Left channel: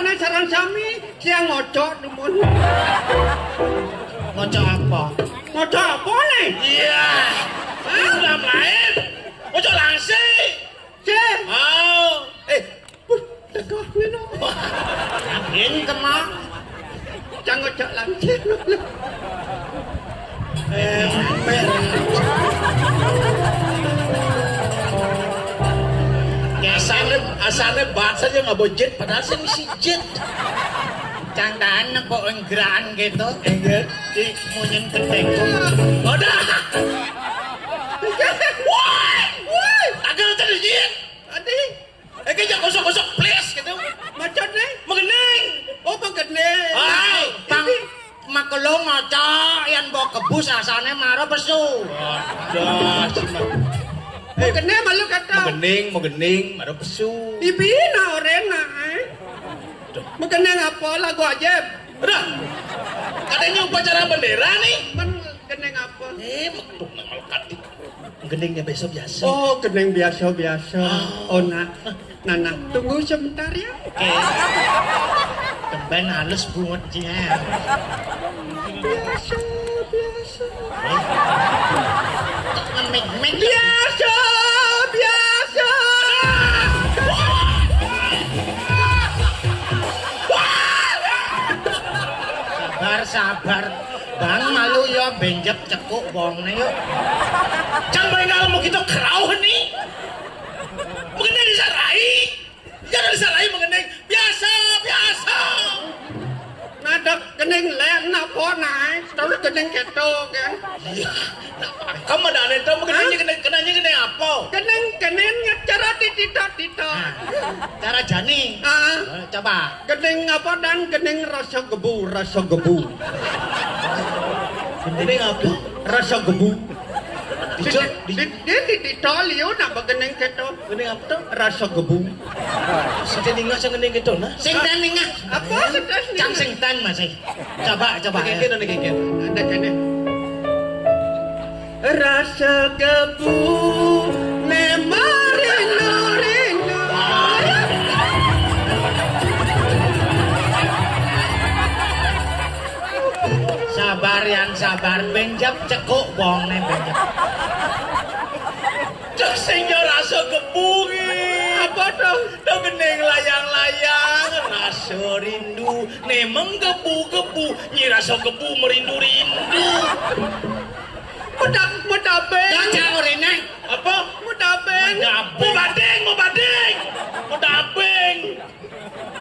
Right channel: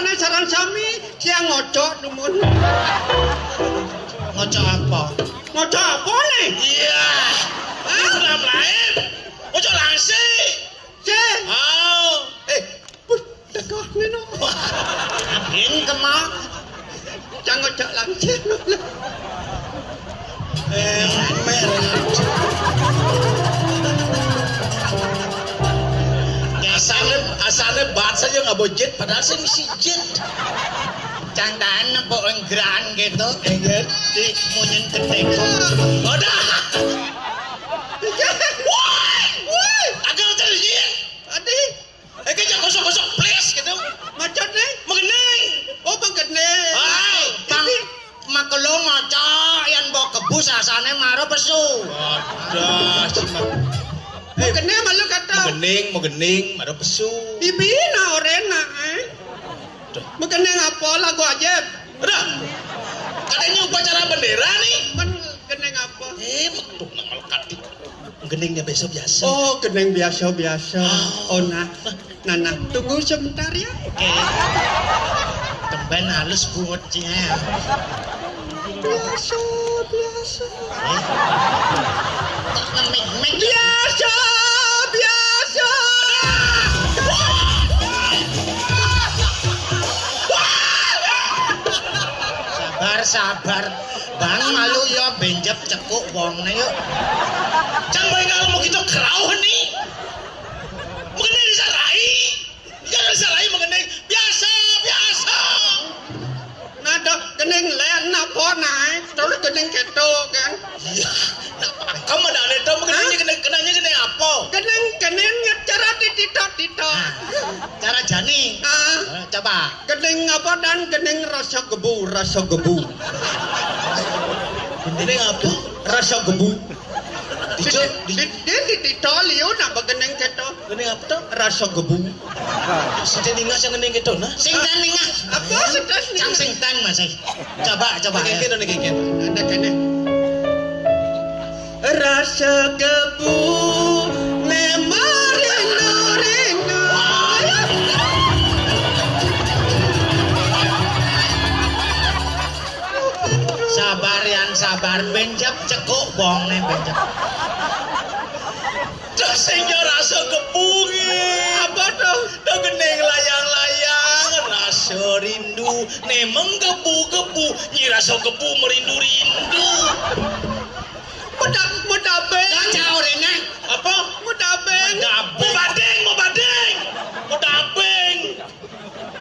ane sarang sami dia ngocok nemun. Ngocok apa? Ngocok apa nih? Iya. Udah lain. Ngocok langsing. Cek. Oh. Tegak nih no. Abin kemak. Jangan ngocok langsing. Asalnya bahasa aja nggak bojet, padahal saya misi jet. Candaan apa enggerakan gitu? Iya, di munyen ketek. Udah. Woi, agak terjun. Adi, jangan gosok-gosok please gitu. macet nih. Mengenai. Oh mengenai. Hai, bang. Makelo ngocok yang bawa kebus asane maro pesu. Aduh, cuma. Mengenai malu kata. Mau gening, maro pesu. Ibina orena mengenai apa lagu aja. Udah. Katanya upacara bendera nih. Mengenai apa? Betul nama kati. Geningnya besok biasa. Oh, geneng biasa-biasa. Oh, nah, tunggu sebentar ya. Oke. Tembang halus buat dia. Biasa. Biasa. Sabar. Bang malu ya benjep cekuk wongnya yuk. Jangan kalau gitu kerau nih. Mengenai disarai. Jangan disarai mengenai biasa. Nada geneng len apa naik, terus geneng keto kan? Iya. Kamu ada itu mengenai geneng apa? Geneng cara tito. Cara jani. Coba. Geneng apa dan geneng rasa gebu. Geneng apa? Rasa gebu. Di Tito liu nak geneng keto. geneng apa tuh? Rasa gebu. Sejak ningah sing geneng gitu nah. Singtan ningah. Apa sekas nih? Cang singtan mas. Coba. Kekit. Ada kene. Rasa gebu memang rindu. Sabar benjap cekuk bong nih benjap. Cek sehingga rasa gebungi. Apa tuh? Tuh geneng layang-layang. Rasa rindu. Nemeng gebu. Nyi rasa gebu merindu-rindu. Pedang